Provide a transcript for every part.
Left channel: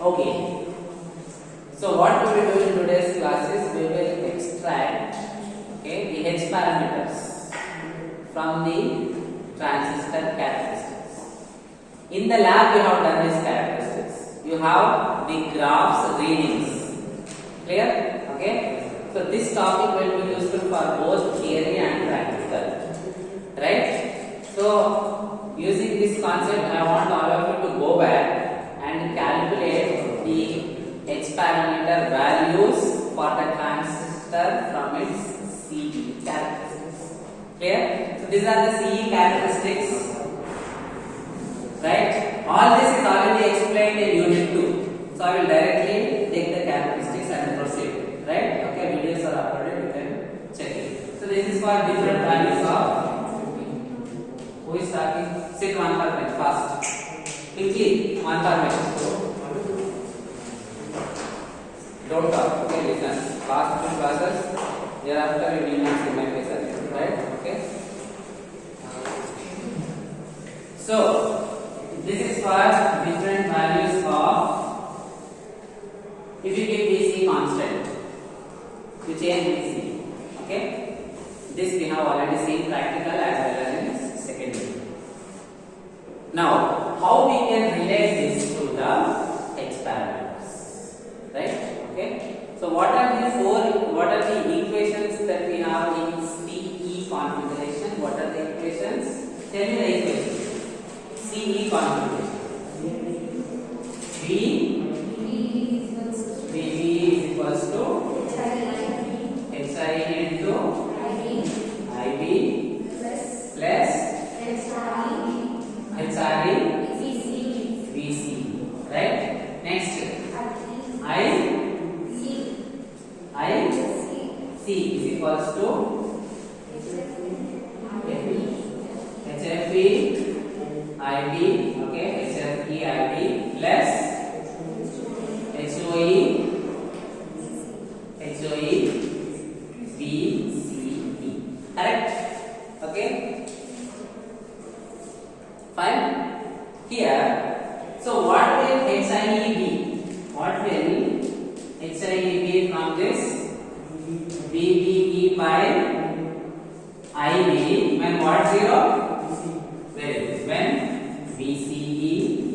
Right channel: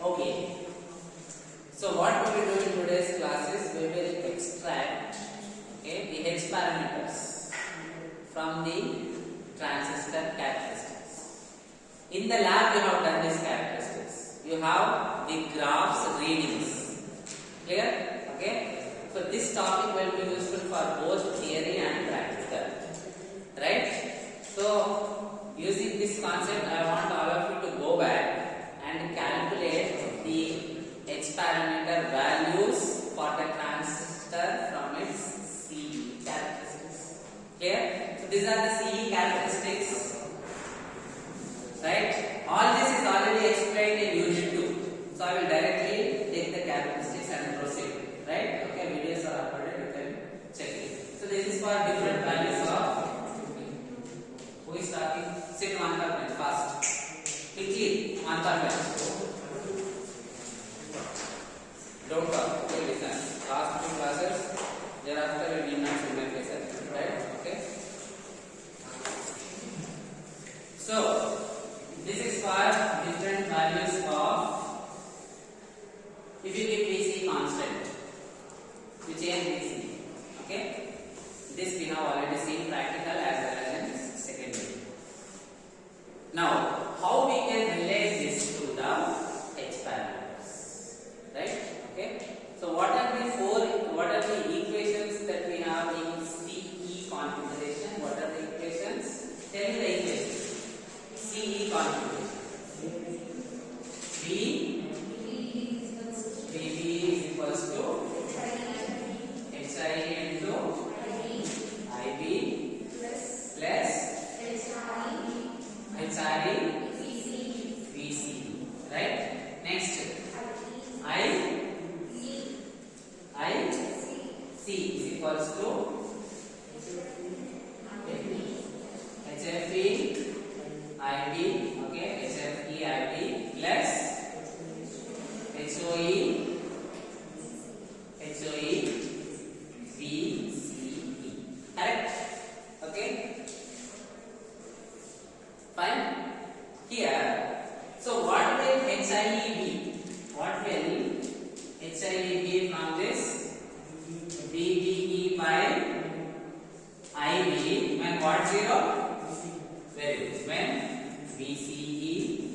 Okay. So what we will do in today's class is we will extract the H parameters from the transistor characteristics. In the lab we have done these characteristics. You have the graphs readings. Clear? Okay. So this topic will be useful for both theory and practical. Right? So using this concept, I want all of you to go back and calculate the H parameter values for the transistor from its CE characteristics. Clear? So these are the CE characteristics. Right? All this is already explained in Unit 2. So I will directly take the characteristics and proceed. Right? Okay, videos are uploaded, you can check it. So this is for different values of. Who is talking? Sit one per minute fast. Quickly, one per minute. Don't talk, okay, listen. Last two classes, thereafter you will not see my face again, right? Okay. So, this is for different values of, if you give DC constant, you change DC, okay? This we have already seen practical as well as in secondary. Now, how we can relate this to the H parameters, right? Okay. So what are the equations that we have in CE configuration? What are the equations? Tell me the equations. CE configuration. VB is equals to HI into IB plus HRE VC. Right? Next. C is equals to HFE IB, okay, HFE IB plus HOE VCE. Correct? Okay. Fine. Here, so what will HIE be? What will HIE be from this? VBE by IB when what 0? Very good. When VCE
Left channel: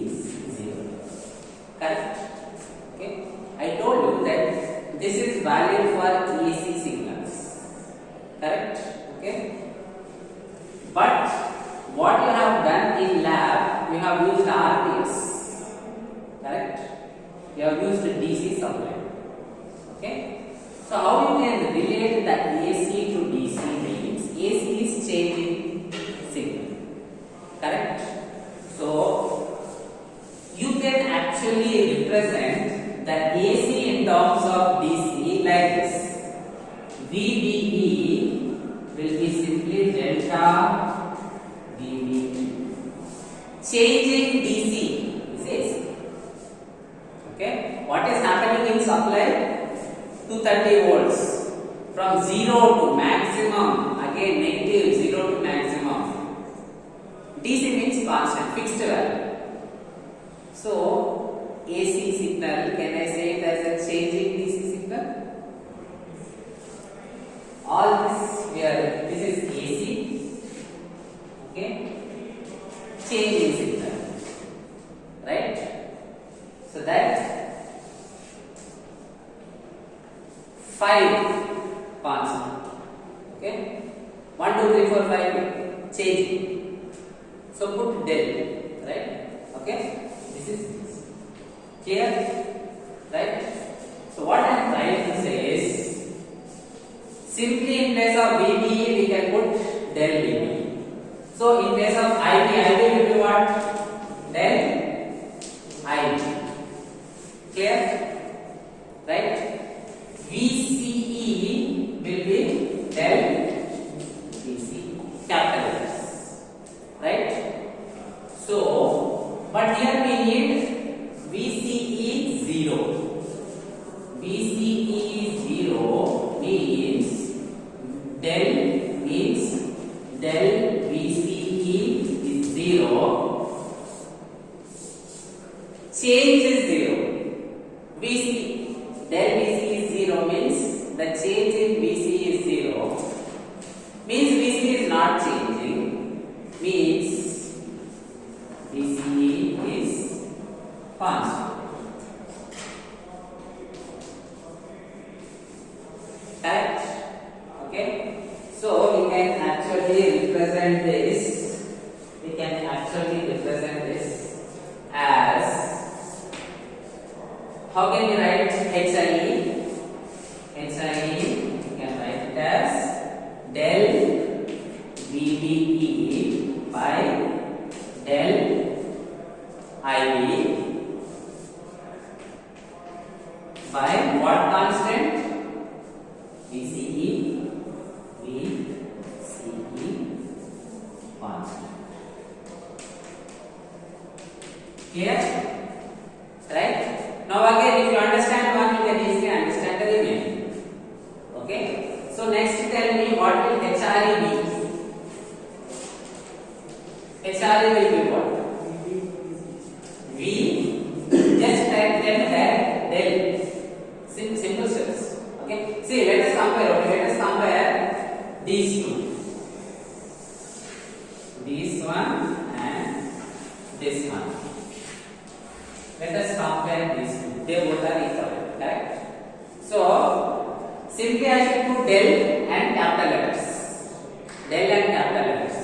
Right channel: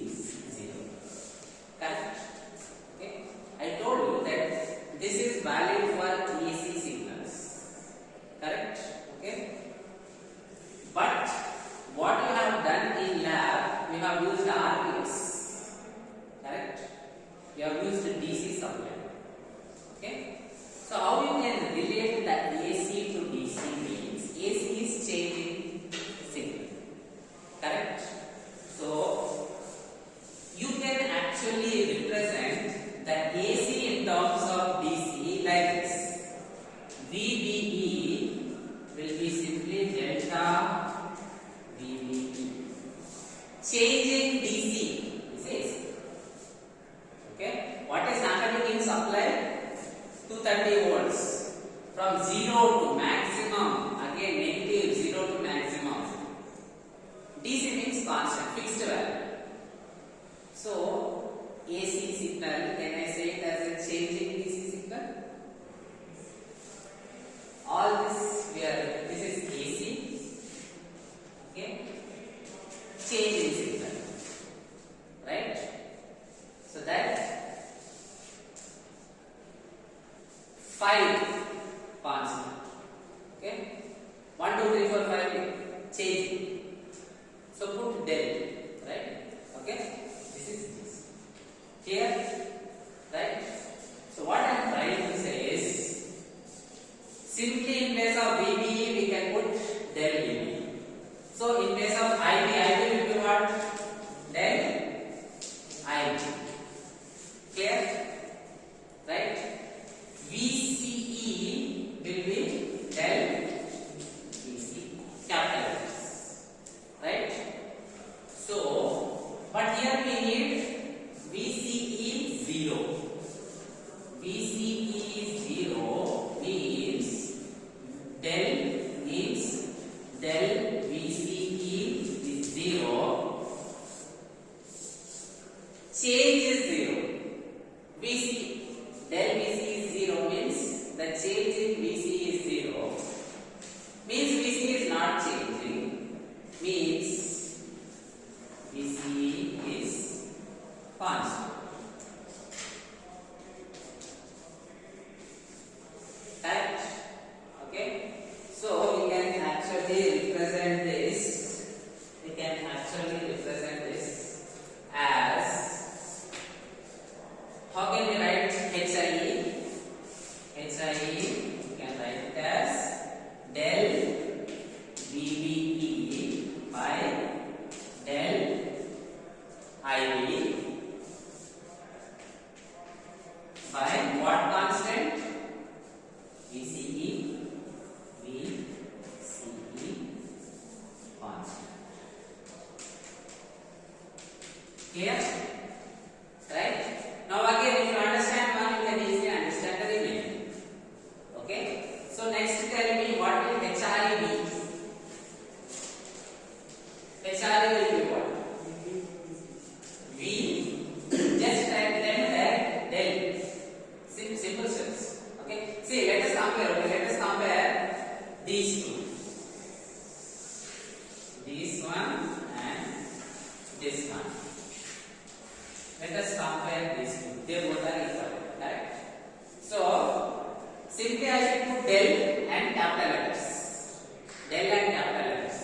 is 0. Correct? Okay. I told you that this is valid for AC signals. Correct? Okay. But what you have done in lab, you have used RPS. Correct? You have used DC supply. Okay. So how you can relate the AC to DC means AC is changing signal. Correct? So you can actually represent the AC in terms of DC like this. VBE will be simply delta VBE. Changing DC is AC. Okay? What is happening in supply? 230 volts from 0 to maximum, again negative 0 to maximum. DC means constant, fixed value. So AC signal, can I say it as a changing DC signal? All this here, this is AC, okay, changing signal, right? So that 5 constant. Okay? 1, 2, 3, 4, 5 changing. So put del. Right? Okay? This is clear? Right? So what I am trying to say is simply in place of VBE we can put del VBE. So in place of IB will be what? Del IB. Clear? Right? VCE will be del VC, capital letters, right? So but here we need VCE 0. VCE 0 means del VCE is 0. Change is 0. Del VC is 0 means the change in VC is 0. Means VC is not changing. Means VC is constant. Right? Okay. So we can actually represent this. We can actually represent this as, how can we write HIE? HIE, we can write it as del VBE by del IB by what constant? VCE constant. Clear? Right? Now again, if you understand one, you can easily understand the remaining. Okay? So next tell me what will HRE be? HRE will be what? V. Just type them there. Del. Simple steps. Okay? See, let us compare. Okay? Let us compare these two. This one and this one. Let us compare these two. They both are equal. Correct? So, simply I should put del and capital letters. Del and capital letters.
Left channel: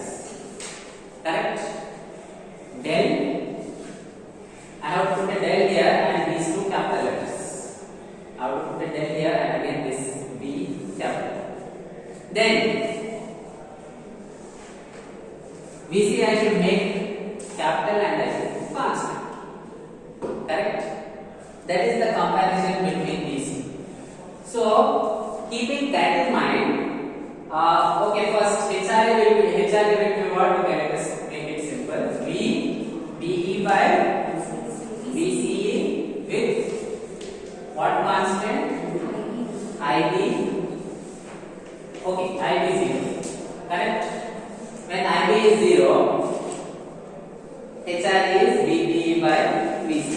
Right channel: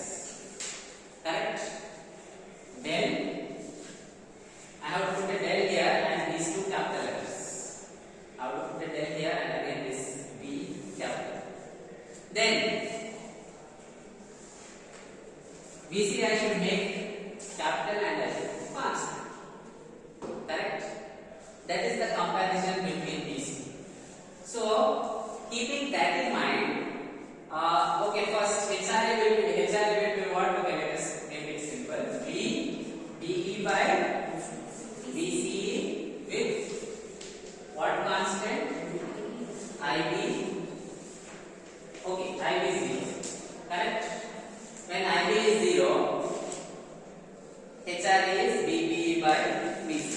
Correct? Del. I have to put a del here and these two capital letters. I have to put a del here and again this B capital. Then VC I should make capital and I should constant. Correct? That is the comparison between these two. So, keeping that in mind, okay, first HRE will be what? Okay, let us make it simple. VBE by VCE with what constant? IB. Okay, IB 0. Correct? When IB is 0, HRE is VBE by VC.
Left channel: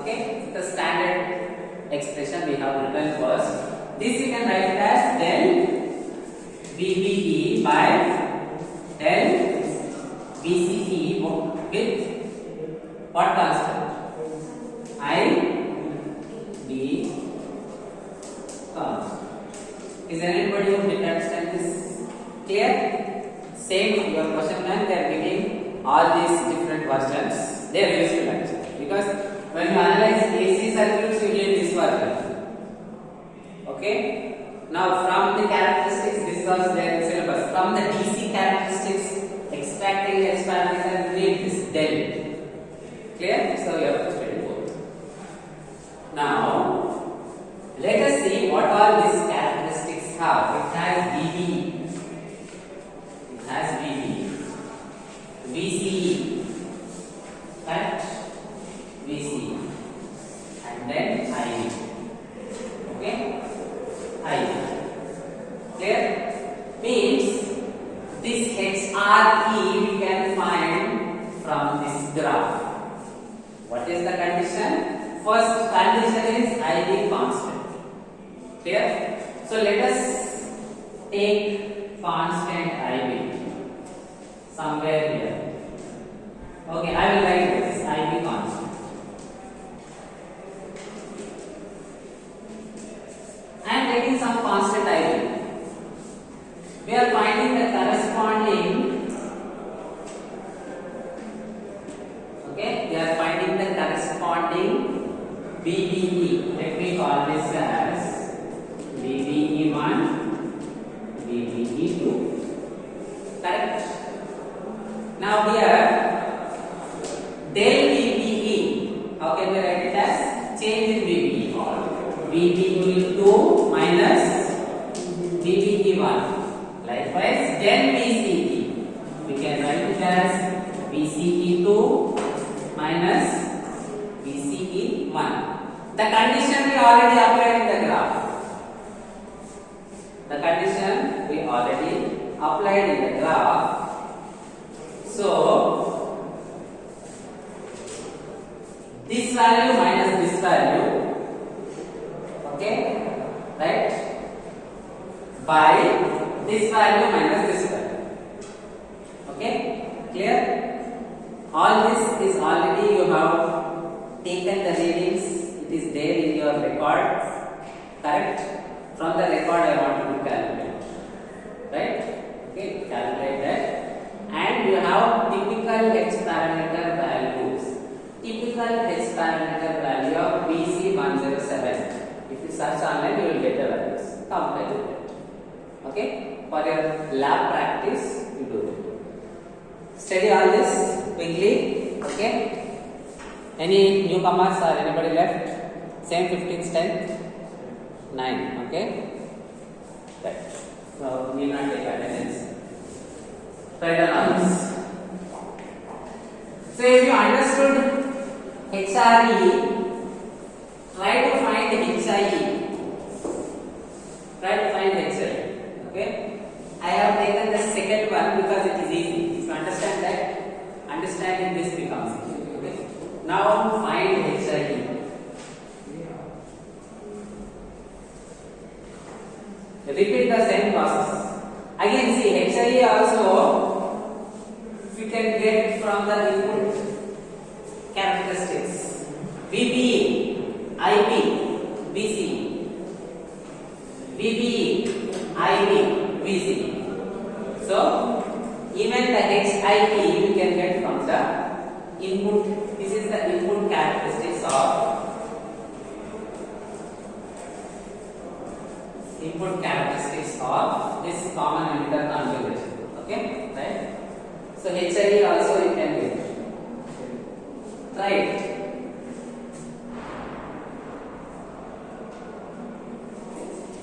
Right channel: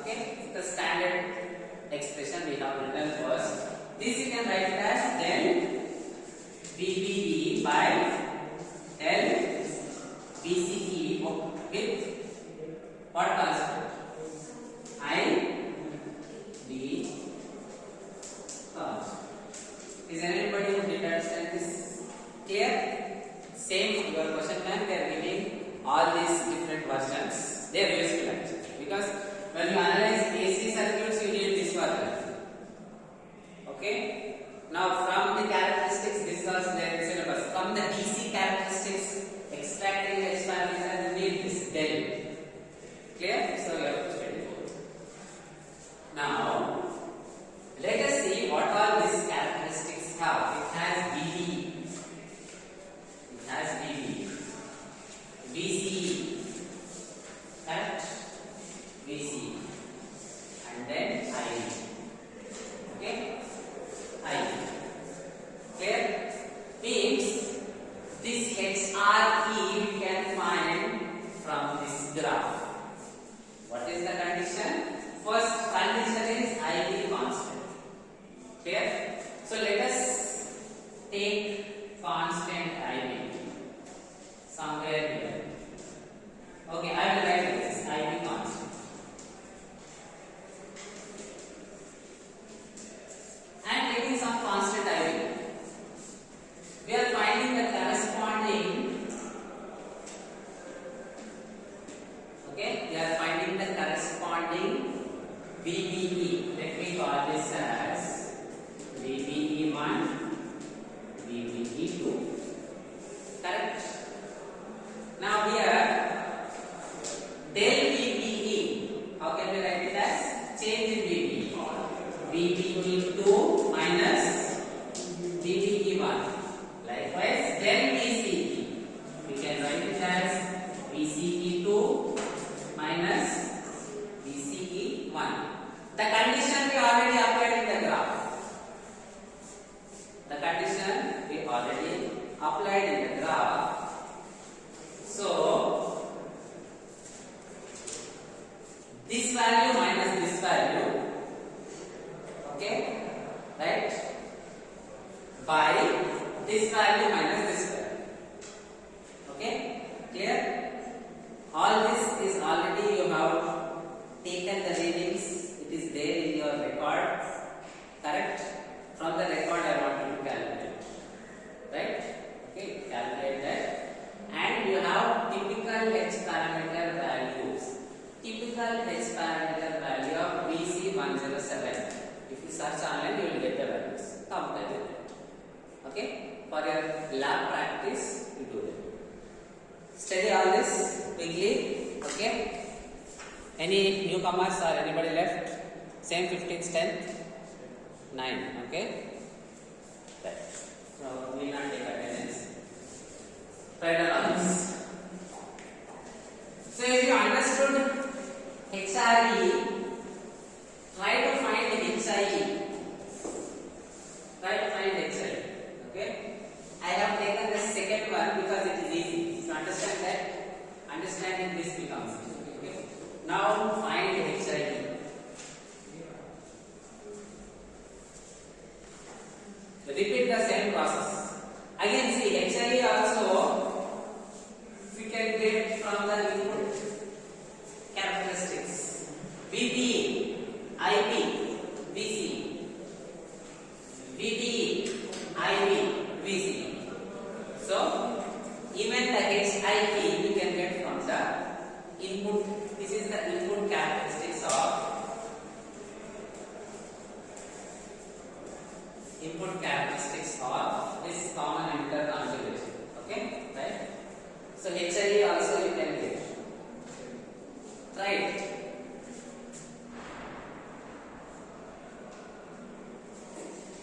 Okay, the standard expression we have written first. This you can write as del VBE by del VCE with what constant? IB constant. Is anybody who did understand this? Clear? Same your question plan, they are giving all these different versions. They are useful actually because when you analyze AC circuits you need this version. Okay. Now from the characteristics, this was their syllabus. From the DC characteristics, extracting the H parameter, you need this del. Clear? So you have to study both. Now let us see what all these characteristics have. It has VBE. It has VBE. VCE. Correct? VCE. And then IB. Okay? IB. Clear? Means this HRE we can find from this graph. What is the condition? First condition is IB constant. Clear? So let us take constant IB somewhere here. Okay, I will write this IB constant. I am taking some constant IB. We are finding the corresponding. Okay, we are finding the corresponding VBE. Let me call this as VBE1, VBE2. Correct? Now here, del VBE, how can we write it as? Change in VBE. VBE2 minus VBE1. Likewise, del VCE. We can write it as VCE2 minus The condition we already applied in the graph. The condition we already applied in the graph. So this value minus this value, okay, right, by this value minus this value. Okay, clear? All this is already you have taken the readings. It is there in your record, correct? From the record I want you to calculate, right? Okay, calculate that. And you have typical H parameter values. Typical H parameter value of BC107. If you search online, you will get the values. Compare with it. Okay? For your lab practice, you do it. Study all this quickly. Okay? Any newcomers or anybody left? Same 15th, 10th? 9. Okay? Right. So, we will not take attendance. Write down all this. So, if you understood HRE, try to find HIE. Try to find HIE. Okay? I have taken the second one because it is easy. If you understand that, understanding this becomes easy. Okay? Now find HIE. Repeat the same process. Again, see HIE also we can get from the input characteristics. VBE, IB, BC, VBE, IB, BC. So even the HIE we can get from the input. This is the input characteristics of this common emitter configuration. Okay, right? So HIE also you can get, right?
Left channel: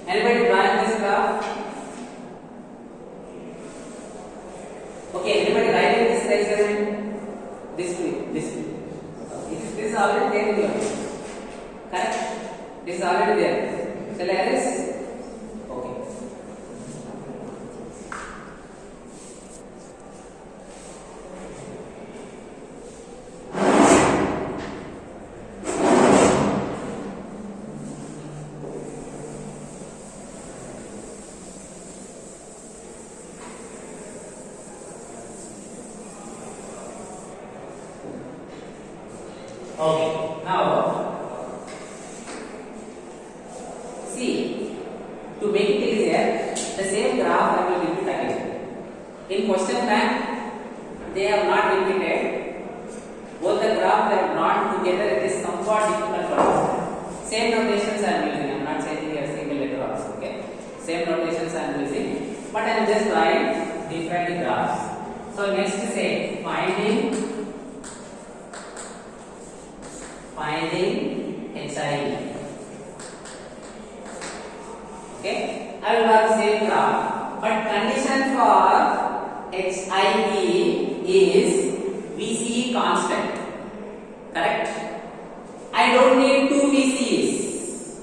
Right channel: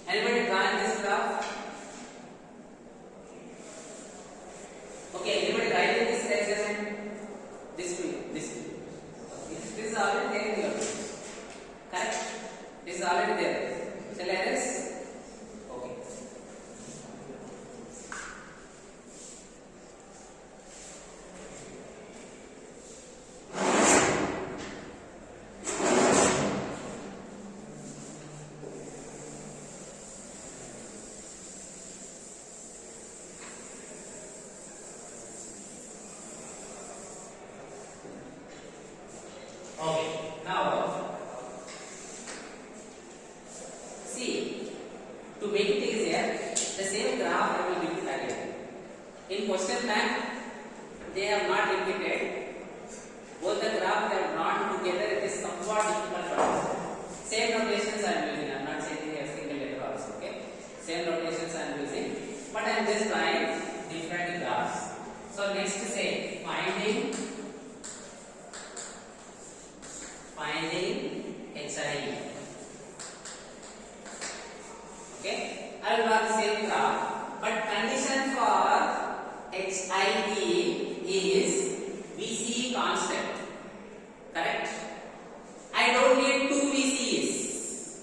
Anybody drawing this graph? Okay, anybody writing this experiment? This way. This is already there here. Correct? This is already there. Shall I erase? Okay. Okay, now see, to make it easier, the same graph I will repeat again. In question bank, they have not repeated. Both the graph they have drawn together, it is somewhat difficult to understand. Same notations I am using, I am not changing a single letter also, okay? Same notations I am using, but I am just drawing different graphs. So next say, finding HIE. Okay, I will draw the same graph, but condition for HIE is VCE constant. Correct? I don't need two VCEs.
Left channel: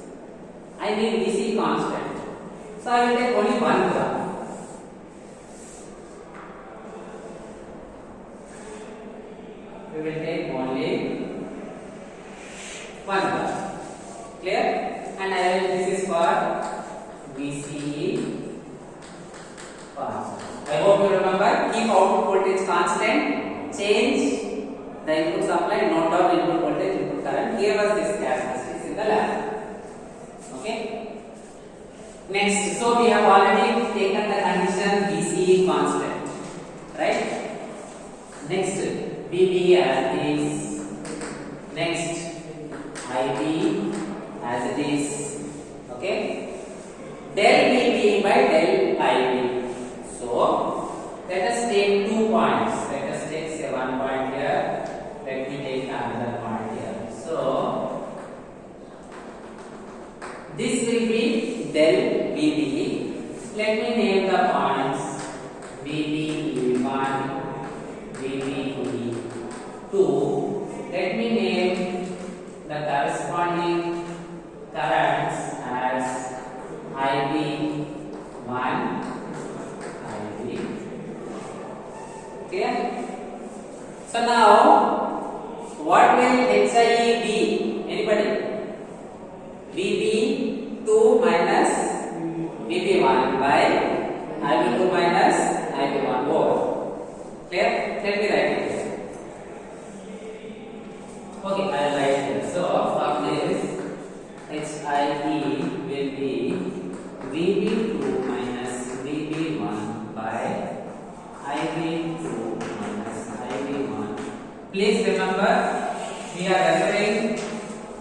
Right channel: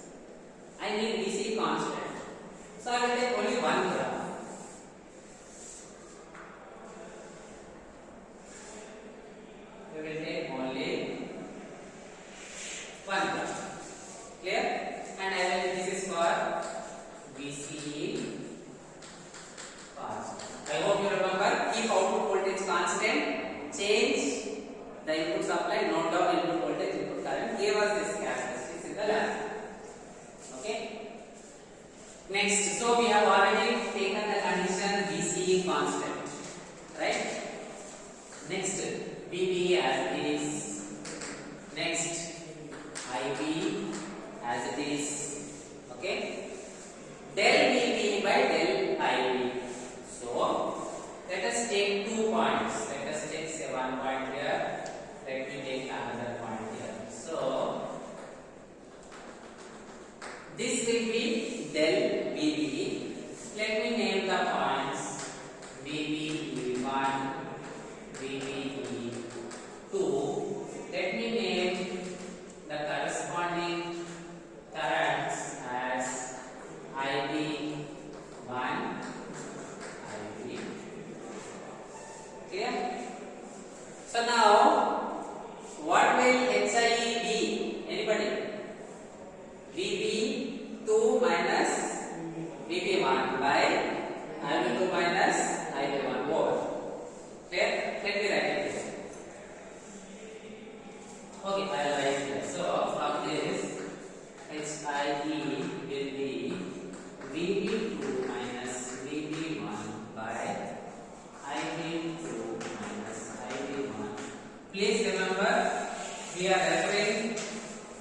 I need VCE constant. So I will take only one graph. We will take only one graph. Clear? And this is for VCE constant. I hope you remember. Keep output voltage constant. Change the input supply. Note down input voltage, input current. Here was this characteristics in the lab. Okay. Next, so we have already taken the condition VCE constant, right? Next, VBE as is. Next, IB as it is. Okay. Del VB by del IB. So let us take 2 points. Let us take say 1 point here. Let me take another point here. So this will be del VB. Let me name the points VBE1, VBE2. Let me name the corresponding So now, what will HIE be? Anybody? VB2 minus VB1 by IB2 minus IB1 over. Clear? Let me write it. Okay, I will write it. So for this, HIE will be VB2 minus VB1 by IB2 minus IB1. Please remember, we are referring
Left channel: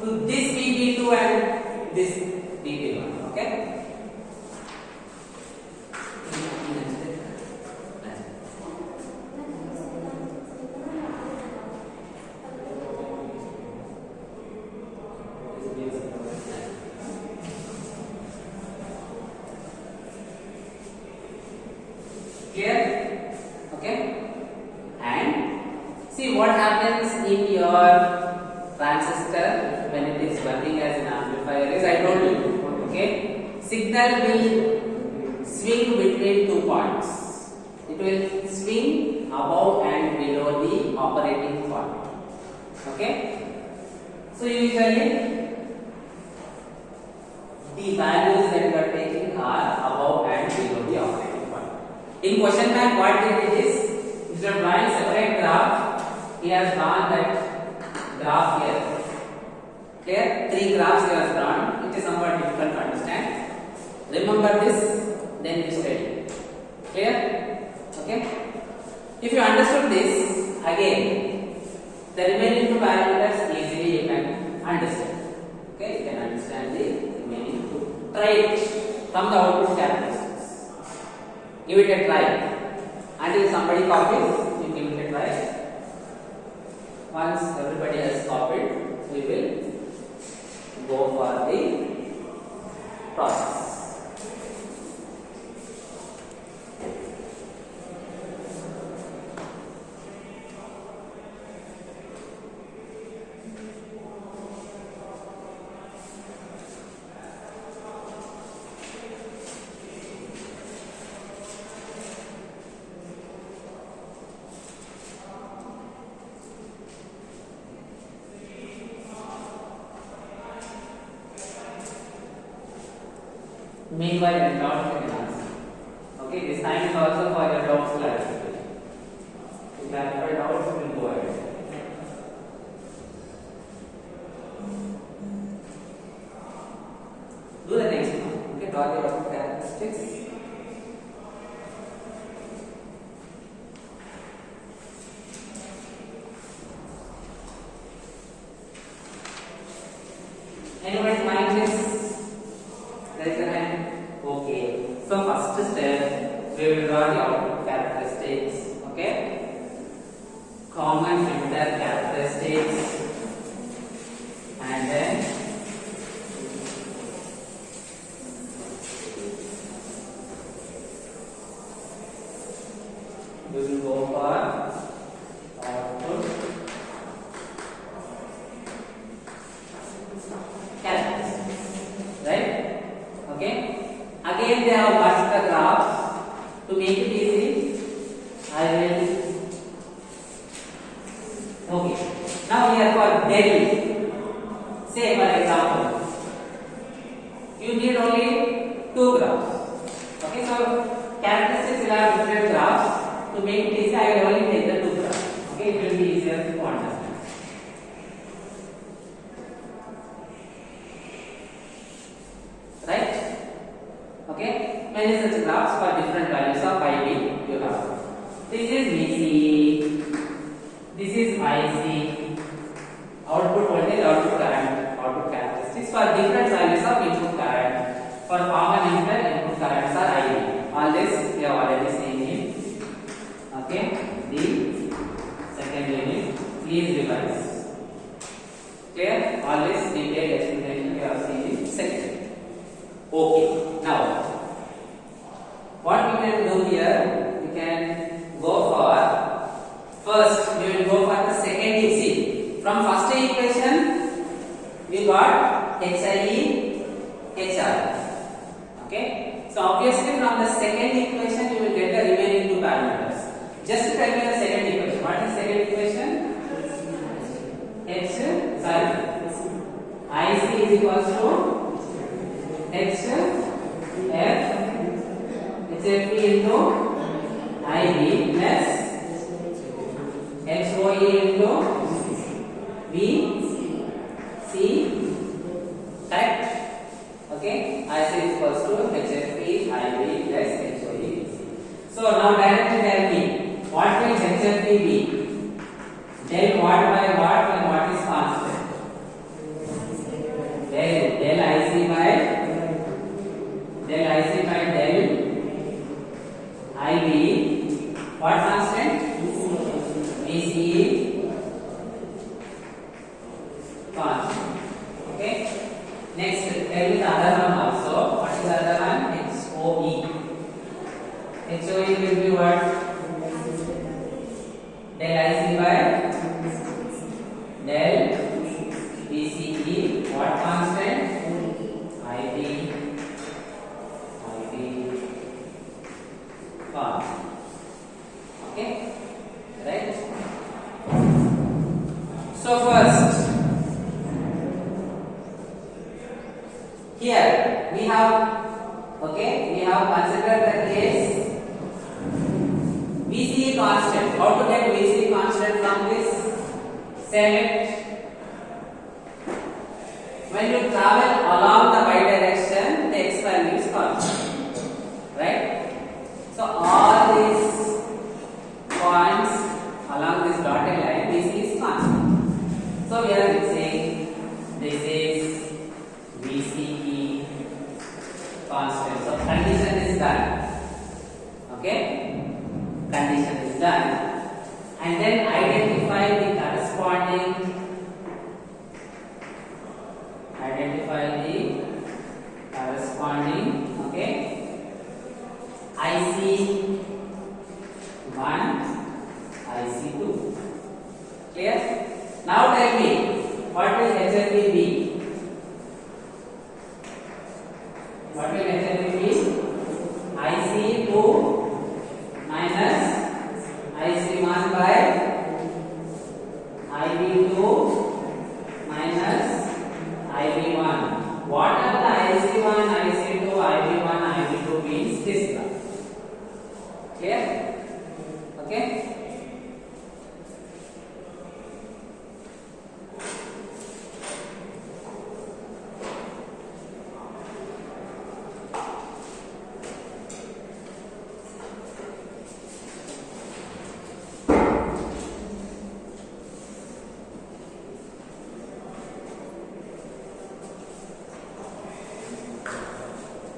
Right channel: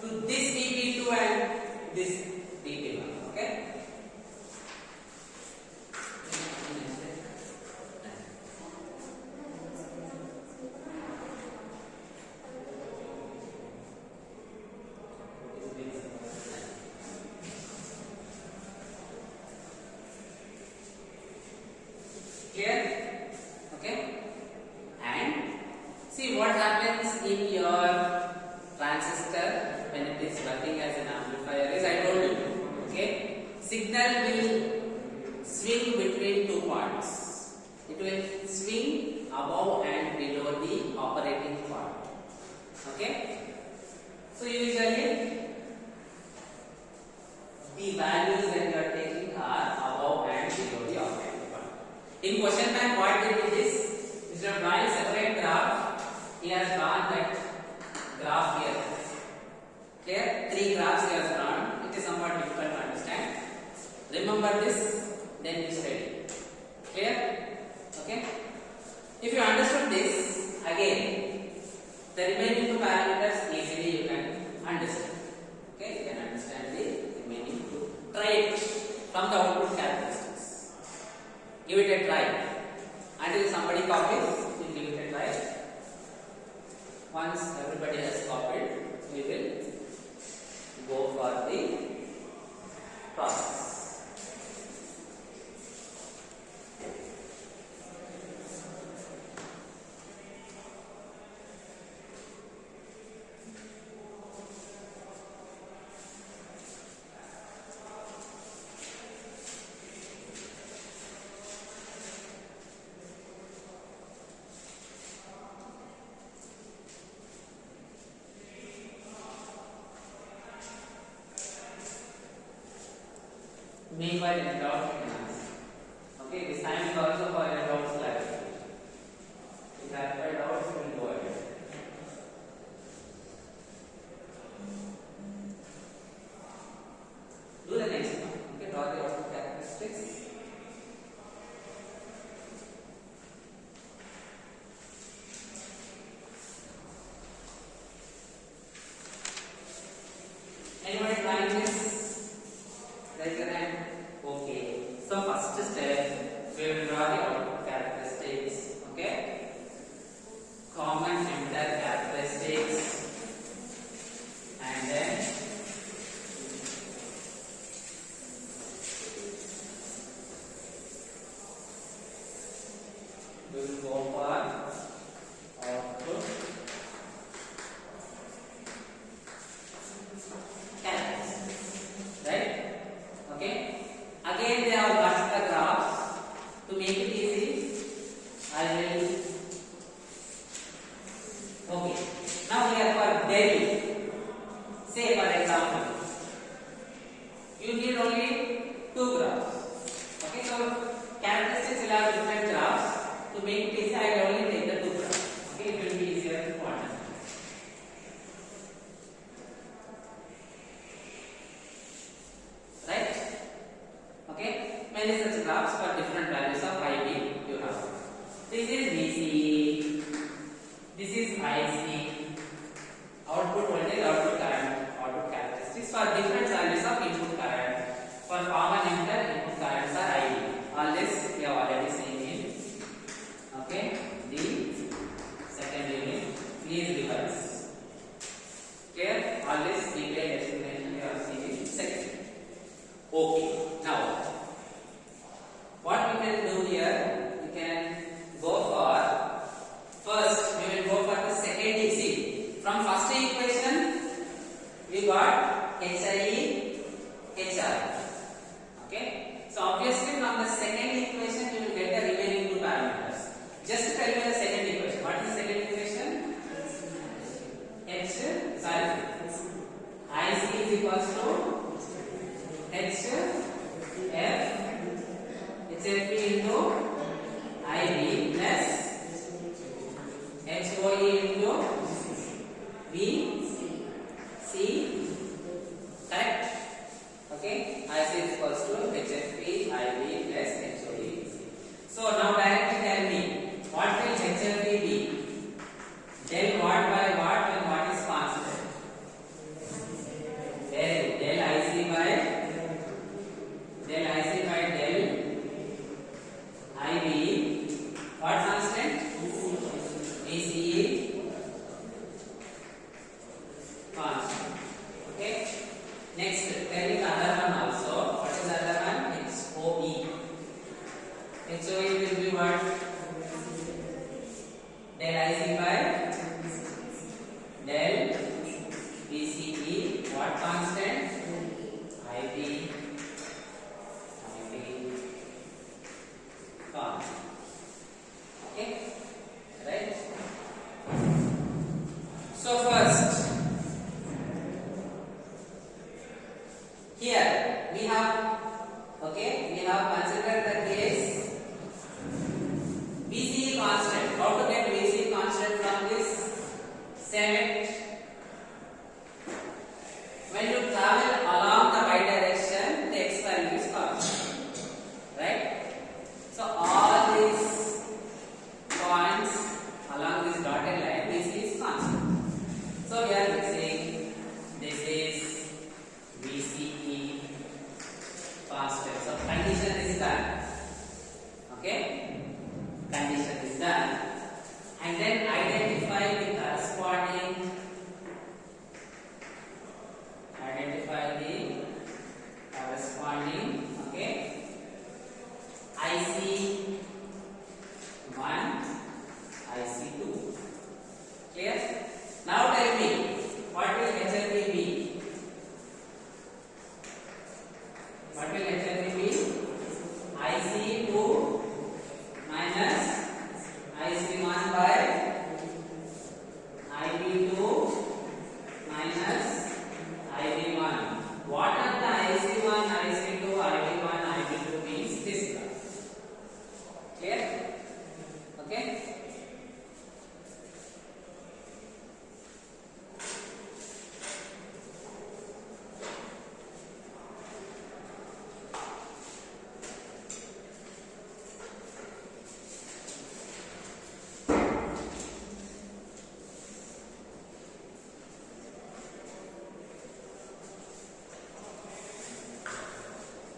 to this VB2 and this VB1. Okay? Clear? Okay? And see what happens in your transistor when it is working as an amplifier is, I told you, okay? Signal will swing between 2 points. It will swing above and below the operating point. Okay? So usually the values that you are taking are above and below the operating point. In question bank, what they did is, instead of drawing separate graph, he has drawn that graph here. Clear? 3 graphs he has drawn. It is somewhat difficult to understand. Remember this, then you study. Clear? Okay? If you understood this, again, the remaining 2 parameters easily you can understand. Okay? You can understand the remaining 2. Try it from the output characteristics. Give it a try. Until somebody copies, you give it a try. Once everybody has copied, we will go for the process. Meanwhile, in doubts you can answer. Okay, this time is also for your doubts clarification. If you clarify doubts, you will go ahead. Do the next one. Okay, draw the output characteristics. Anybody find this? Raise your hand. Okay. So first step, we will draw the output characteristics. Okay. Common filter characteristics, and then we will go for output characteristics. Right? Okay. Again, they have got the graphs. To make it easy, I will. Okay. Now here for del. Say for example, you need only 2 graphs. Okay. So characteristics will have different graphs. To make it easy, I will only take the 2 graphs. Okay. It will be easier to understand. Right? Okay, many such graphs for different values of IB you have. This is VC, this is IC, output voltage, output current, output characteristics for different values of input current. For common emitter, input currents are IB. All this we have already seen in. Okay, the second unit. Please revise. Clear? All this detailed explanation we have seen in second. Okay, now what we can do here, we can go for, first we will go for the second equation. From first equation we got HIE, HR. Okay, so obviously from the second equation you will get the remaining 2 parameters. Just tell me the second equation. What is second equation? is equals to HFP into IB plus HOE into BC. Correct? Okay. IC is equals to HFP IB plus HOE BC. So now directly tell me what will HFP be? Del what by what when what is constant? Del IC by del IB. What constant? BCE constant. Okay. Next, tell me the other one also. What is the other one? HOE. HOE will be what? Del IC by del BCE. What constant? IB constant. Okay, right? So first, here we have considered the case BCE constant. How to get BCE constant from this? Select when you travel along the y direction, the x value is constant, right? So all these points along this dotted line, this is constant. So we are saying this is BCE constant. So condition is done. Okay, condition is done, and then identify the corresponding okay IC1, IC2. Clear? Now tell me what will HFP be? What will HFP be? IC2 minus IC1 by IB2 minus IB1. What are the IC1, IC2, IB1, IB2 means this one. Clear? Okay?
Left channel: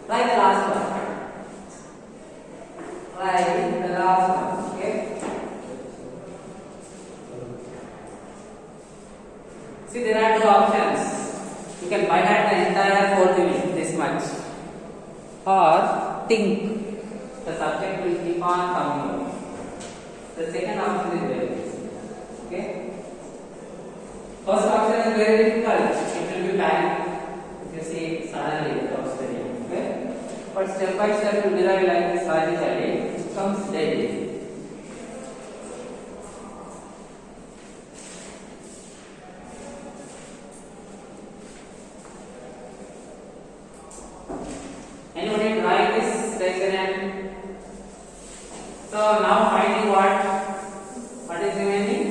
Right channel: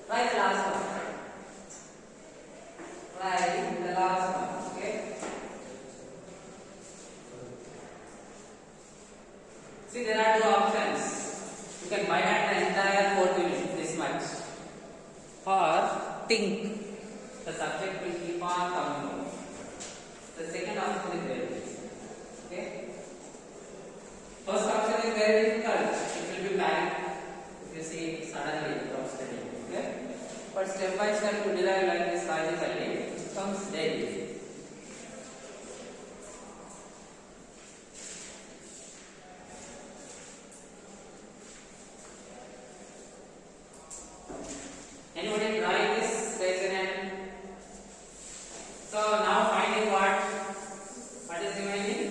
Write the last one. Write the last one. Okay. See, there are two options. You can buy out the entire 4 division this much, or think. The subject will keep on coming out. The second option is very easy. Okay. First option is very difficult. It will be bad. You see, suddenly it comes to you. Okay. But step by step to derive like this logically, it comes very easy. Anybody try this section? So now finding what is remaining?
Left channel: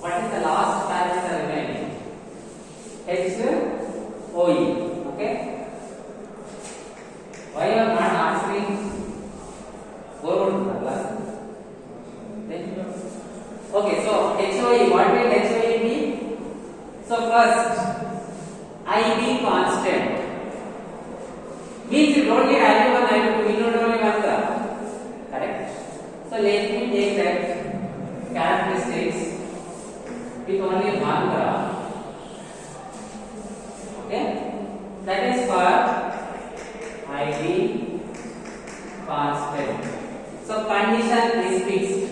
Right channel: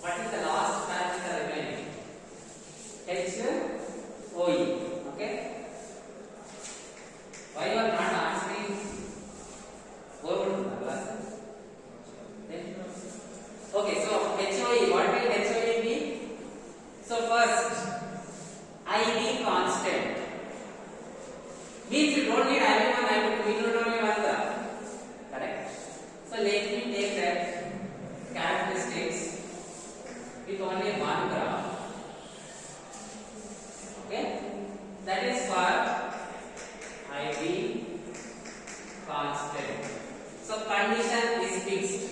What is the last parameter remaining? HOE. Okay. Why you are not answering? Okay, so HOE, what will HOE be? So first, IB constant. Means you don't need IB1, IB2, we need only one term. Correct? So let me take that characteristics with only one graph. Okay? That is for IB constant. So condition is fixed.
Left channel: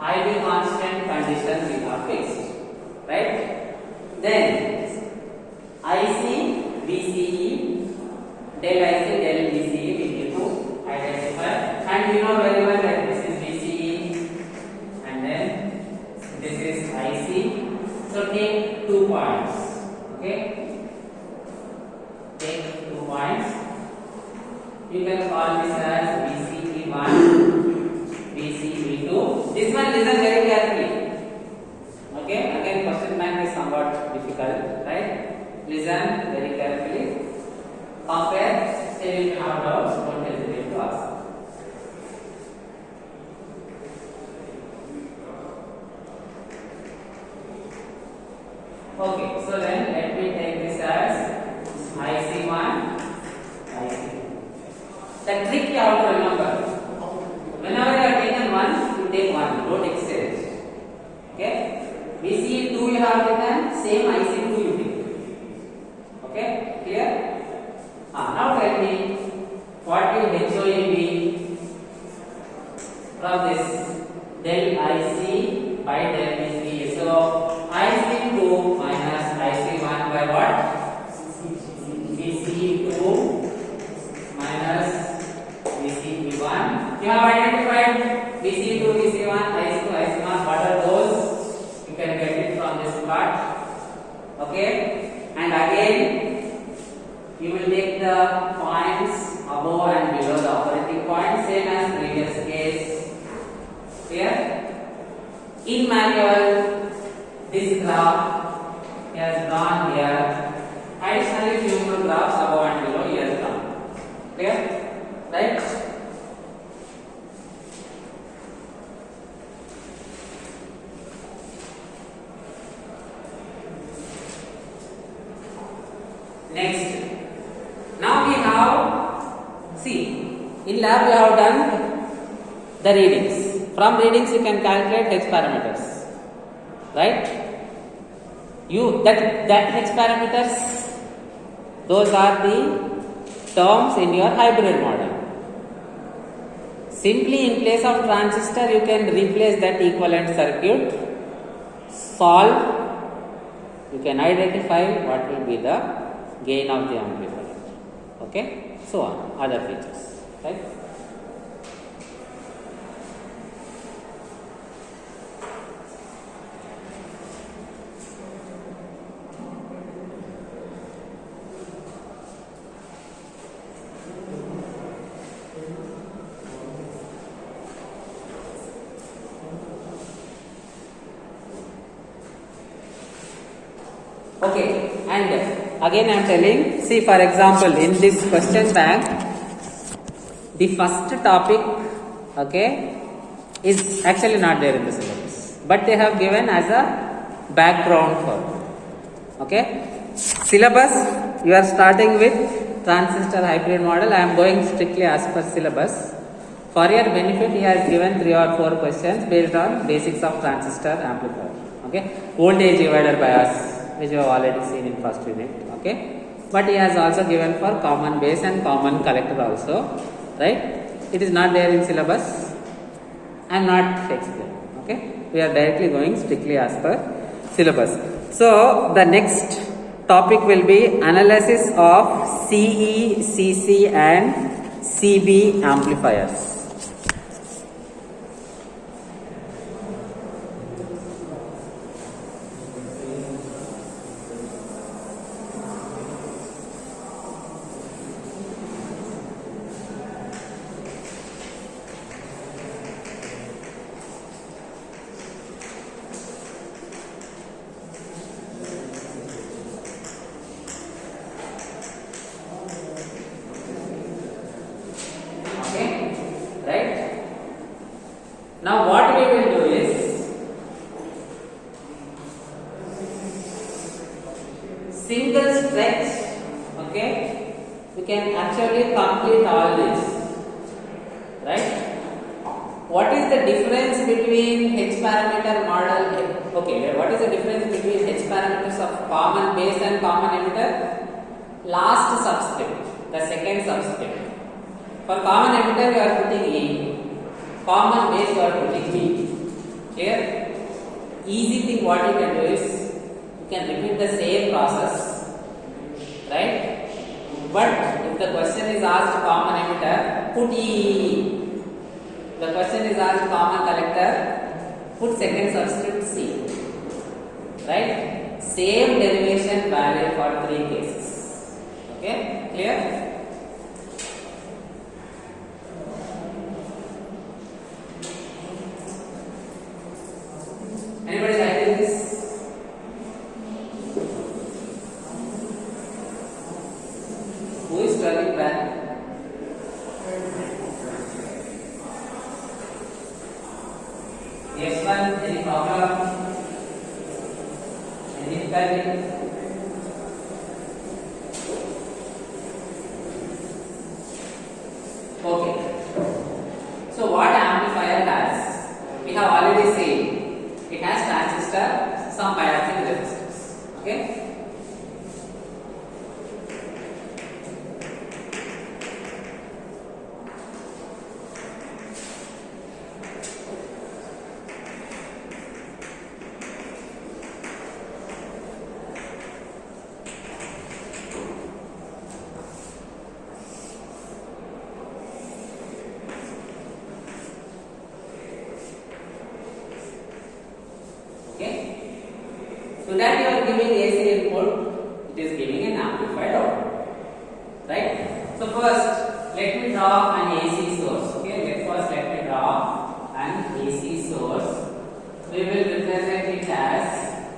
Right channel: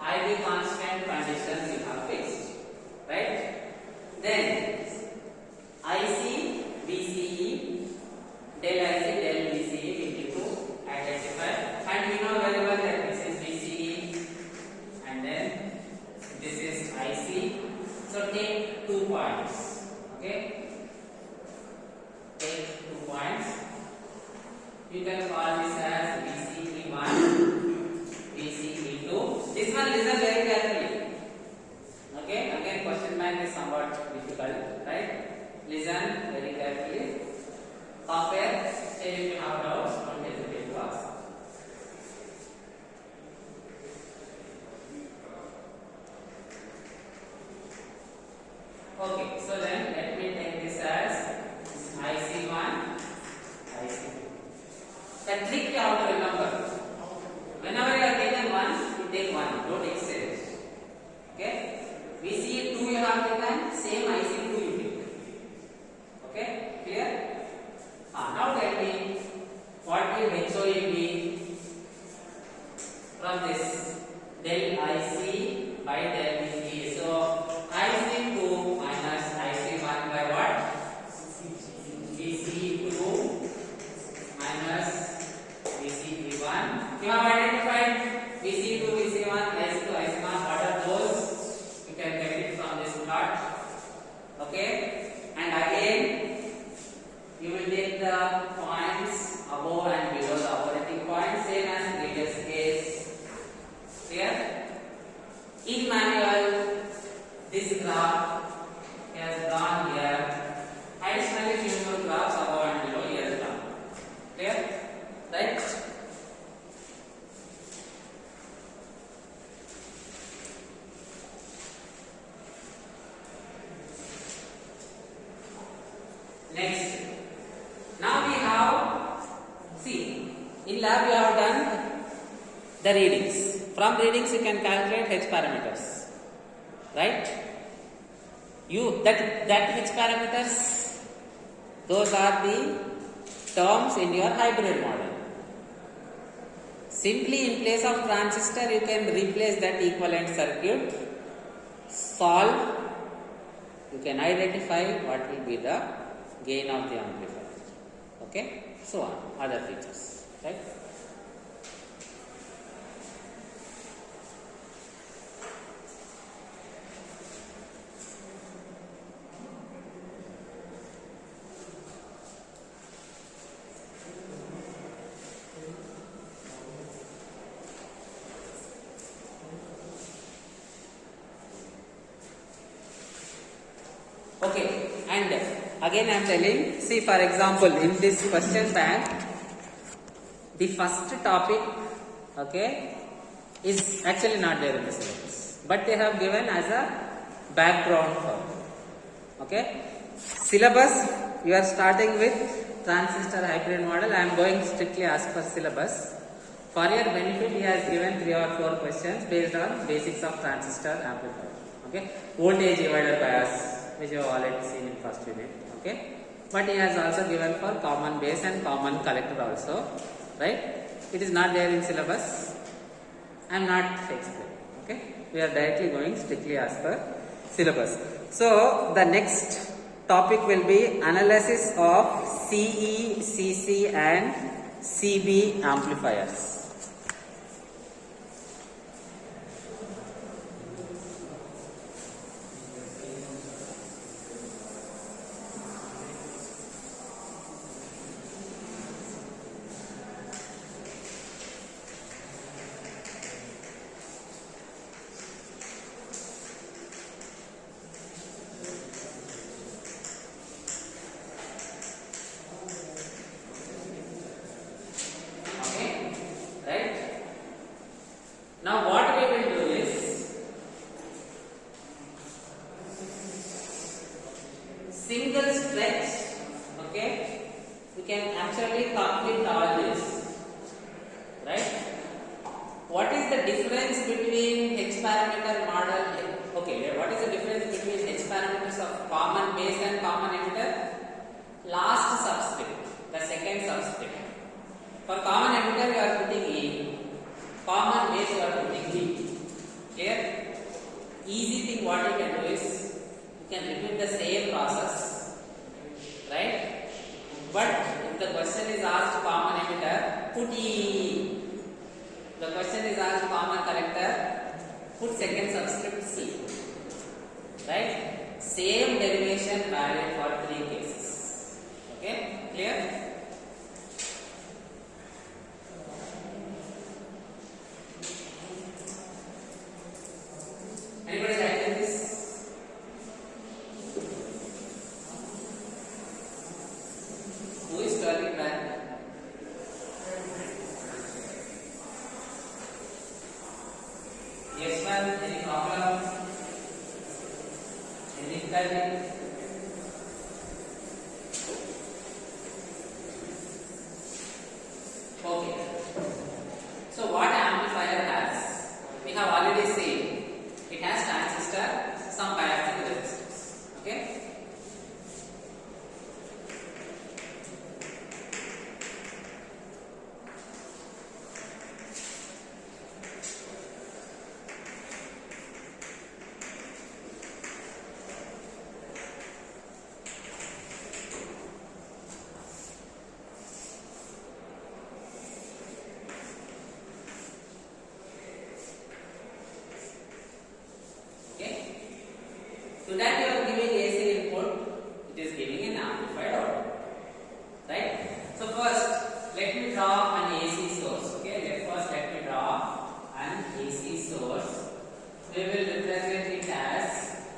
IB constant condition we have fixed. Right? Then IC, BCE, del IC, del BCE we need to identify. And we know very well that this is BCE and then this is IC. So take 2 points. Okay, so then let me take this as IC1, IC2. The trick you have to remember, whenever you are taken one, you take one, don't exchange. Okay? VCE2 you have taken, same IC2 you take. Okay? Clear? Now tell me, what will HOE be from this del IC by del VCE? So IC2 minus IC1 by what? VCE2 minus VCE1. You have identified VCE2, VCE1, IC2, IC1. What are those? You can get it from this plot. Okay? And again, you will take the points above and below the operating point, same as previous case. Clear? In manual, this graph he has drawn here. Additionally, few more graphs above and below he has drawn. Clear? Right? Next. Now we have, see, in lab we have done the readings. From readings you can calculate H parameters. Right? That H parameters, those are the terms in your hybrid model. Simply in place of transistor you can replace that equivalent circuit, solve, you can identify what will be the gain of the amplifier. Okay, so on, other features, right? Okay, and again I am telling, see, for example, in this question bank, the first topic, okay, is actually not there in the syllabus, but they have given as a background for, okay. Syllabus, you are starting with transistor hybrid model. I am going strictly as per syllabus. For your benefit, he has given 3 or 4 questions based on basics of transistor amplifier, okay. Voltage divider bias, which you have already seen in first unit, okay. But he has also given for common base and common collector also, right. It is not there in syllabus. I am not explaining, okay. We are directly going strictly as per syllabus. So the next topic will be analysis of CE, CC and CB amplifiers. Right? Now what we will do is single stretch, okay, we can actually complete all this, right? What is the difference between H parameter model, okay, what is the difference between H parameters of common base and common emitter? Last subscript, the second subscript. For common emitter you are putting E, common base you are putting B. Clear? Easy thing what you can do is, you can repeat the same process, right? But if the question is asked common emitter, put E. The question is asked common collector, put second subscript C. Right? Same derivation valid for 3 cases. Okay? Clear? Anybody writing this? Who is turning back? Yes, one. Any problem? Any difficulty. Okay. So what amplifier has? We have already seen it has transistor, some biasing resistors. Okay. So that you are giving AC input, it is giving an amplified output, right? So first, let me draw an AC source. Okay, let me draw an AC source. We will represent it as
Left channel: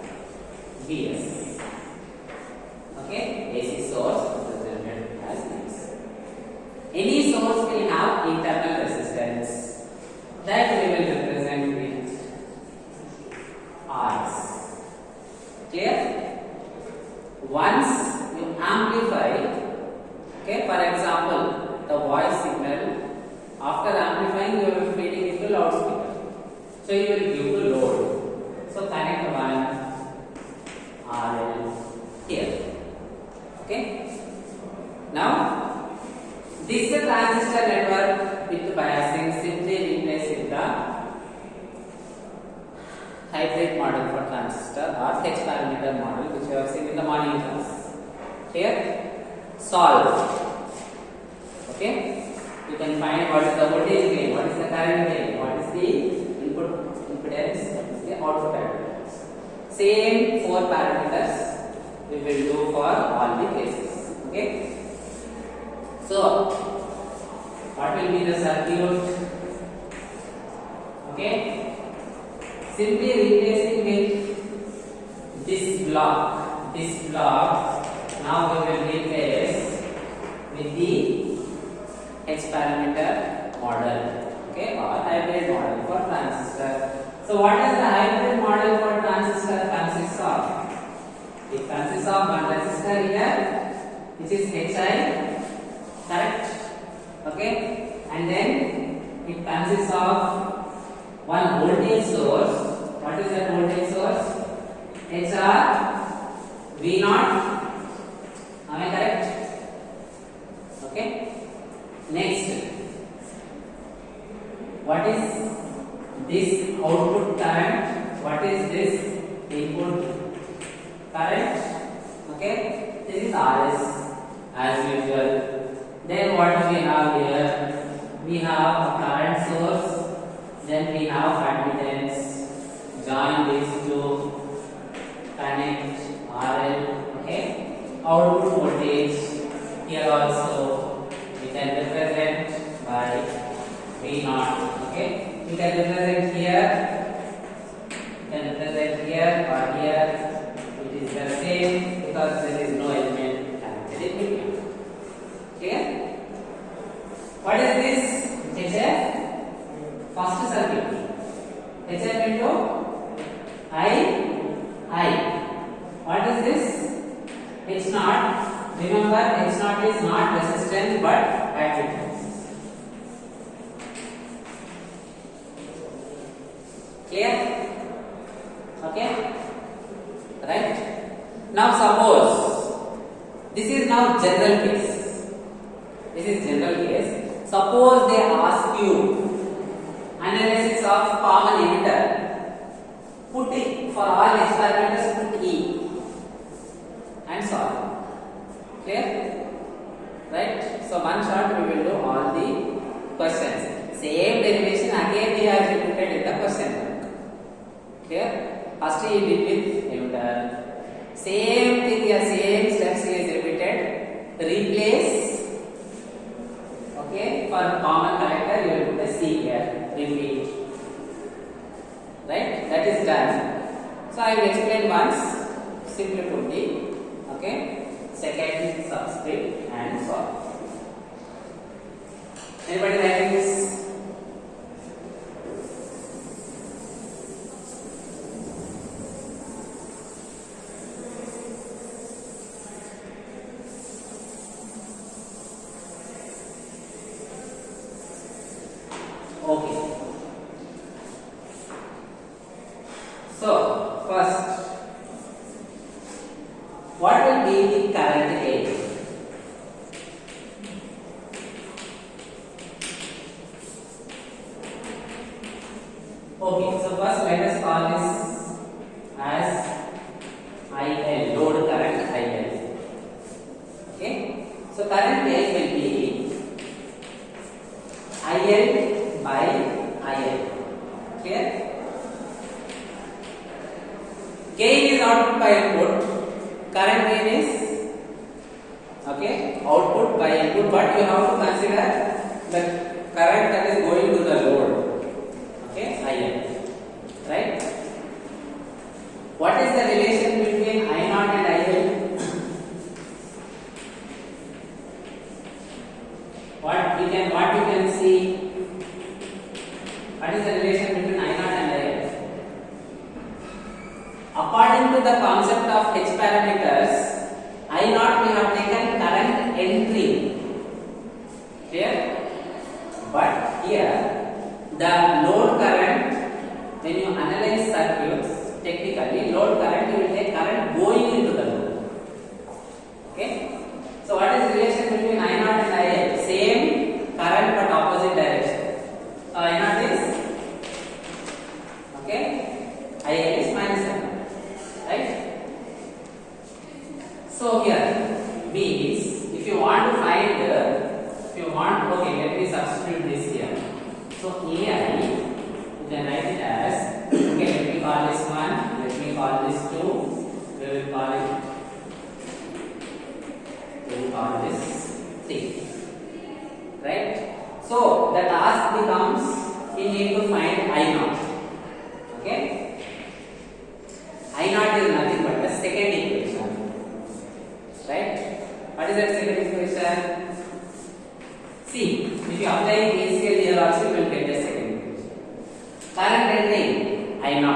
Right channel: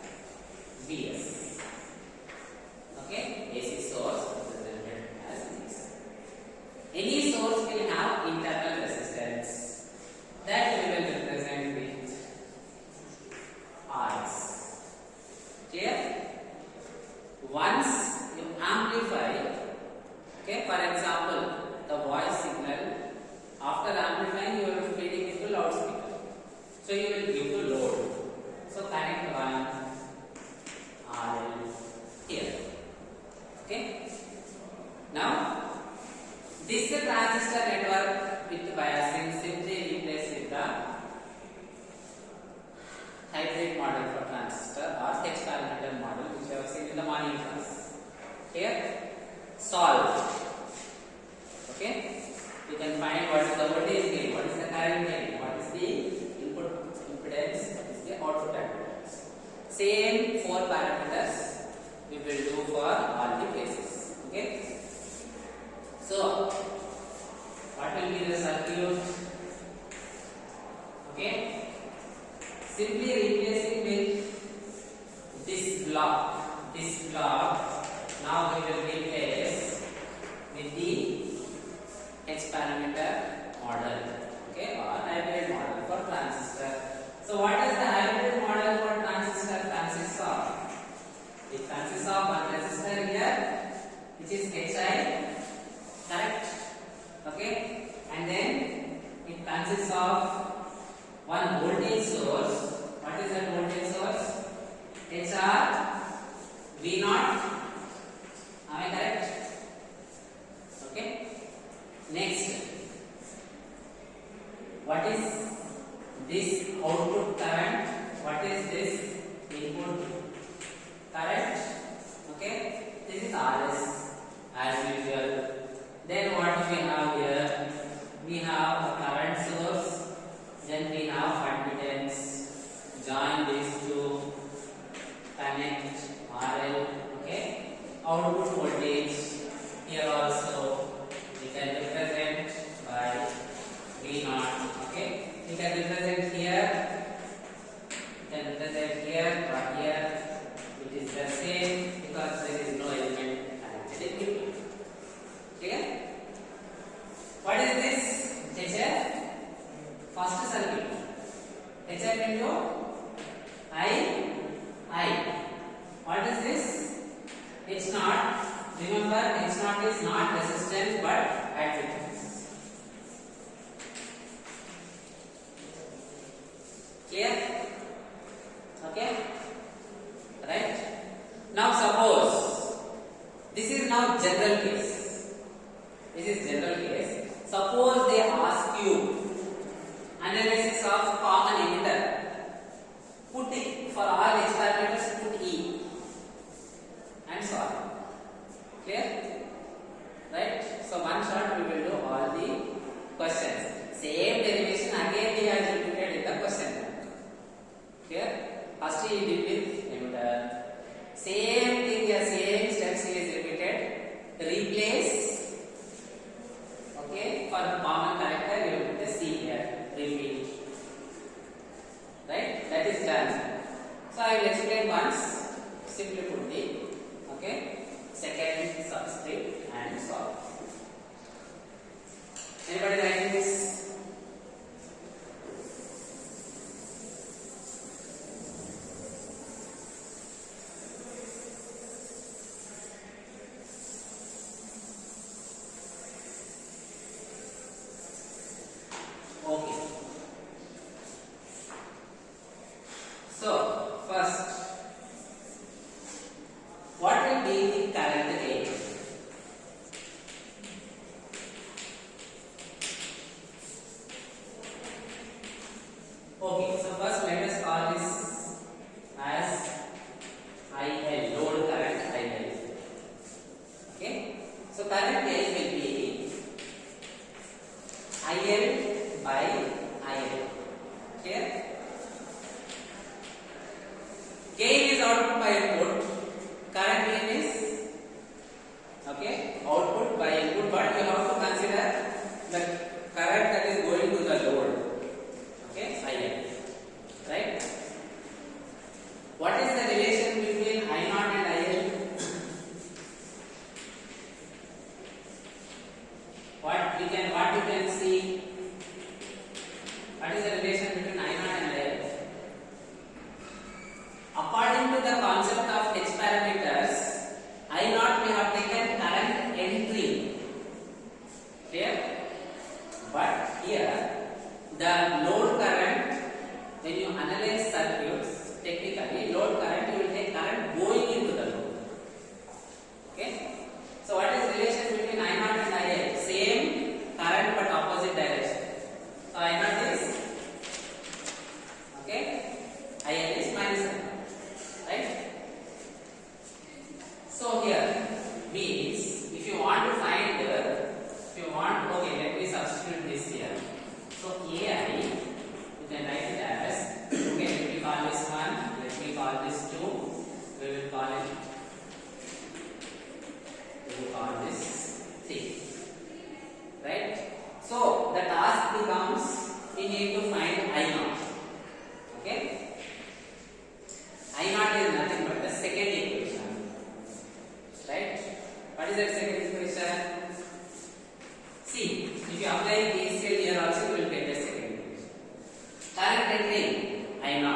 Vs. Okay, AC source represented as Vs. Any source will have internal resistance. That we will represent with Rs. Clear? Once you amplify, okay, for example, the voice signal, after amplifying you will be feeding it to loudspeaker. So you will give to load. So connect one RL here. Okay? Now, this is a transistor network with biasing, simply replace with the hybrid model for transistor or H parameter model which you have seen in the morning class. Here, solve. Okay, you can find what is the voltage gain, what is the current gain, what is the input impedance, what is the output impedance. Same 4 parameters we will do for all the cases. Okay, so what will be the circuit? Okay. Simply replacing with this block, now we will replace with the H parameter model, okay, or hybrid model for transistor. So what is the hybrid model for transistor consists of? It consists of one resistor here, which is Hi, correct? Okay, and then it consists of one voltage source. What is that voltage source? HR V naught. Am I correct? Okay. Next, what is this output current? What is this input current? Okay. This is RS as usual. Then what do we have here? We have a current source. Then we have admittance. Join these two, connect RL. Okay. Output voltage here also we can represent by V naught. Okay. You can represent here. You can represent here or here. It is the same because there is no element connected in between. Clear? What is this? HF. First circuit. HF into I. What is this? H naught. Remember, H naught is not resistance but admittance. Clear? Okay? Right? Now suppose this is now general case. This is general case. Suppose they ask you analysis of common emitter. Put it for all H parameters, put E and solve. Clear? Right? So one shot we will do all the questions. Same derivation again we have repeated in the question. Clear? First he did with emitter. Same thing here, same steps he is repeated. Replace. Okay? For common character you will put a C here. Repeat. Right? That is done. So I will explain once. Simply put the second subscript and solve. Anybody writing this? Okay. So first, what will be the current A? Okay, so first let us call this as IL, load current IL. Okay, so current A will be IL by IL. Clear? Gain is output by input, current gain is output by input, but you have to consider the current that is going to the load. IL, right? What is the relation between I0 and IL? What you can see? What is the relation between I0 and IL? According to the concept of H parameters, I0 we have taken current entry. Clear? But here the load current, when you analyze circuits technically, load current you will take current going into the load. Okay? So what is the relation between I0 and IL? Same current but opposite direction. So I0 is IL is minus I0, right? So here means if you want to find let me substitute this here. So AI, you can write it as, let me call this 1, let me call this 2, we will call this 3, right? So the task becomes, you need to find I0. Okay? I0 is nothing but the second equation, right? What is that second equation? See, if you apply KCL here also, you will get the second equation. Current entering I0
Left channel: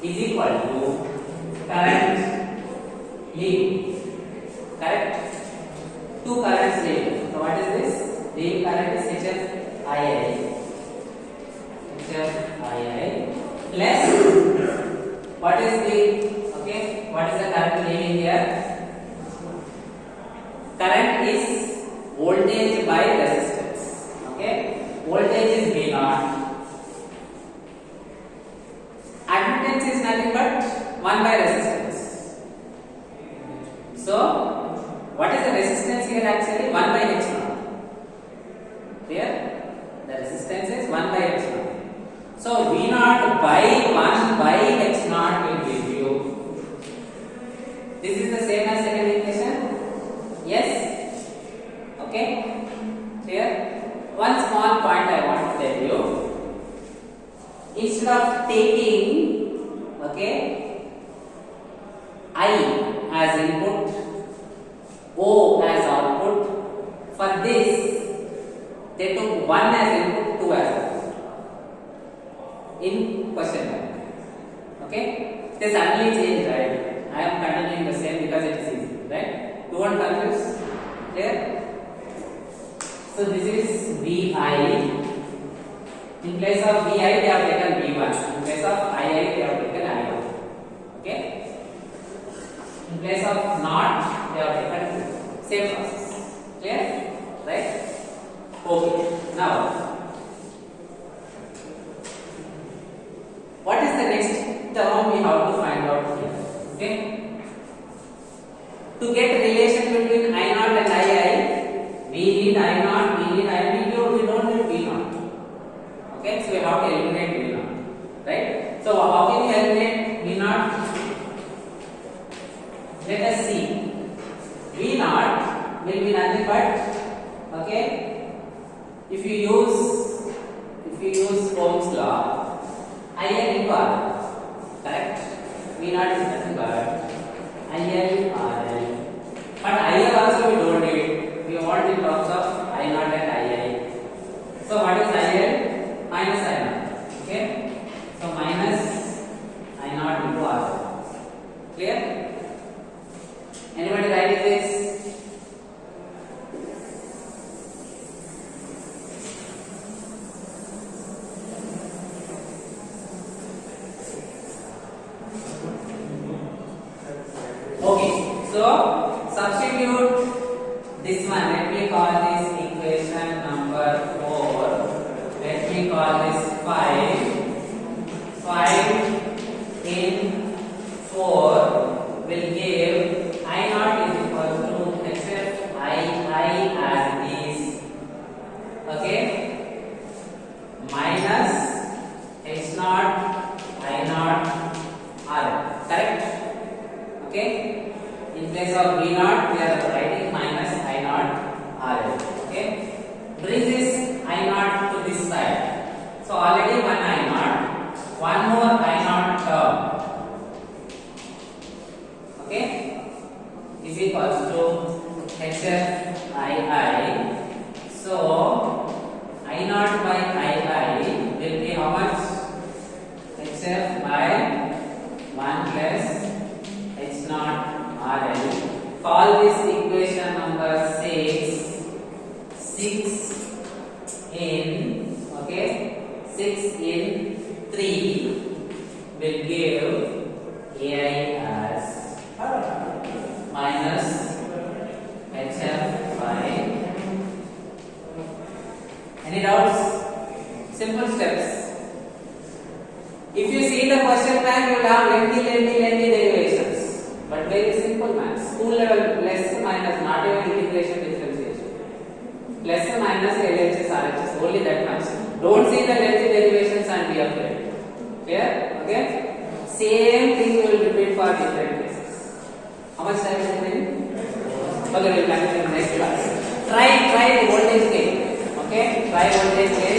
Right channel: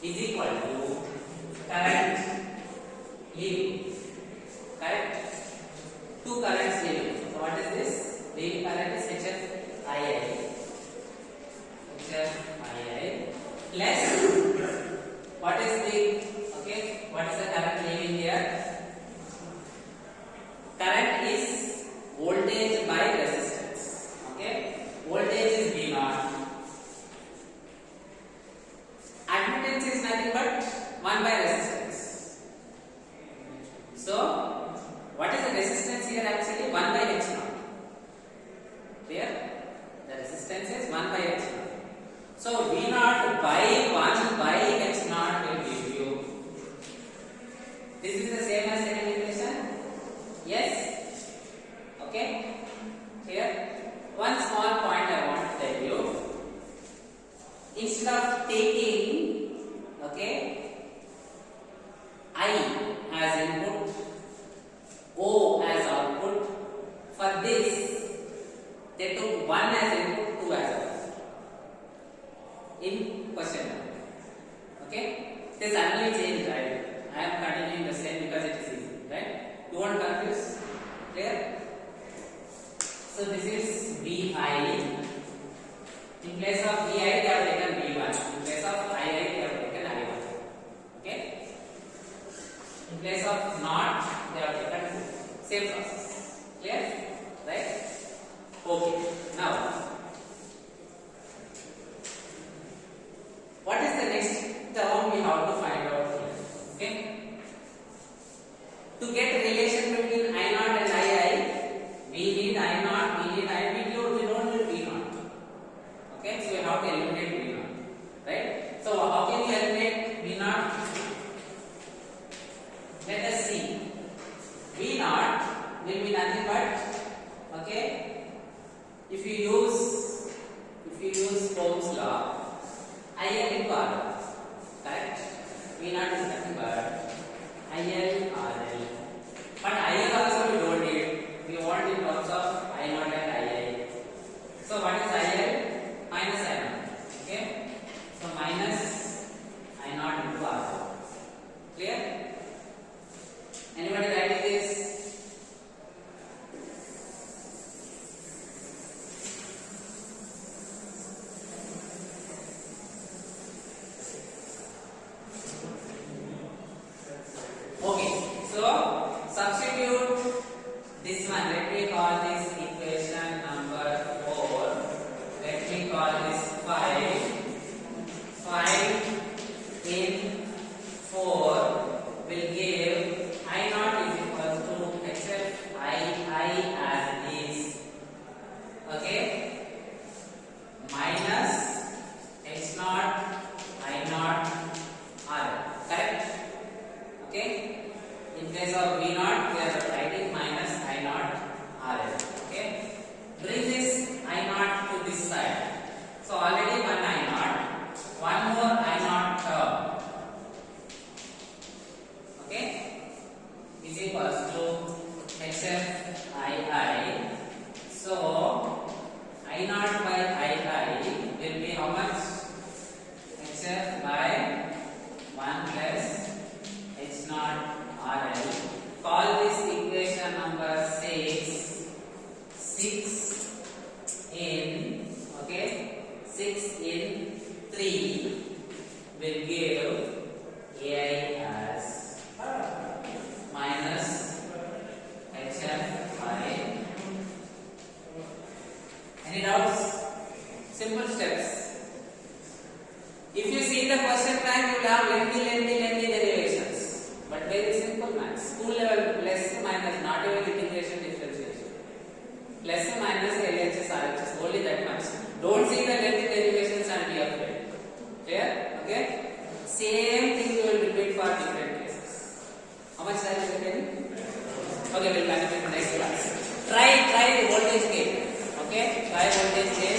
is equal to current leaving. Correct? Two currents leaving. So what is this? Leaving current is HFII. Plus what is the current leaving here? Current is voltage by resistance. Voltage is V0. Admittance is nothing but 1 by resistance. So what is the resistance here actually? 1 by H0. Clear? The resistance is 1 by H0. So V0 by 1 by H0 will give you. This is the same as second equation. Yes? Okay? Clear? One small point I want to tell you. Instead of taking I as input, O as output, for this they took 1 as input, 2 as output in question number. They suddenly changed, right? I am continuing the same because it is easy, right? You won't confuse. Clear? So this is VI. In place of VI, they have taken V1. In place of II, they have taken I1. Okay? In place of not, they have taken same process. Clear? Right? Okay. Now, what is the next term we have to find out here? Okay? To get relation between I0 and II, we need I0, we need I0, we don't need V0. So we have to eliminate V0, right? So how can we eliminate V0? Let us see. V0 will be nothing but if you use Ohm's law, IL into RL, correct? V0 is nothing but IL RL. But IL also we don't need. We want in terms of I0 and II. So what is IL? Minus I0. So minus I0 into RL. Clear? Anybody writing this? will give AI as minus HF by. Any doubts? Simple steps. If you see the question plan, you will have lengthy derivations. But very simple maths. School level plus minus, not even integration differentiation. Plus minus LHS, RHS, only that much. Don't see the lengthy derivations and be afraid. Clear? Okay? Same thing you will repeat for different cases. How much time is remaining? Okay, we will continue in the next class. Try the voltage gain. Okay? Try voltage gain.